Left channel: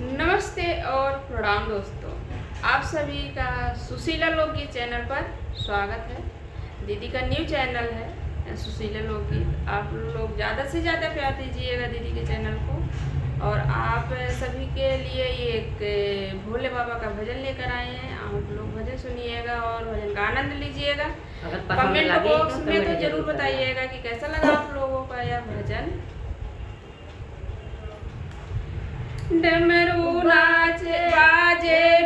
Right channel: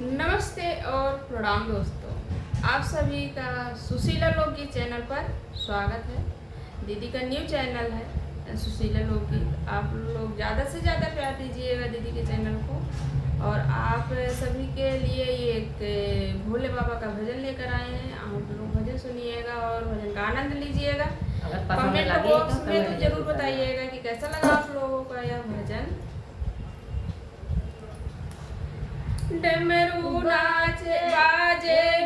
नमस्ते और प्रणाम दोस्तों। आप सभी का सुशीला लोकगीत चैनल पर स्वागत है। दीदी का न्यू चैनल है सुशीला लोकगीत। आप लोग ज़्यादा से ज़्यादा प्यार दीजिएगा दीदी के चैनल को। और आप सभी के लिए ये एक भोले बाबा का भजन लेकर आए हैं। आप लोग भजन सुनिएगा और भजन का आनंद लीजिएगा। कमेंट बॉक्स में तो जरूर बताइएगा कि कैसा लगा आप लोगों का यह भजन। डमरू नाचे बाजे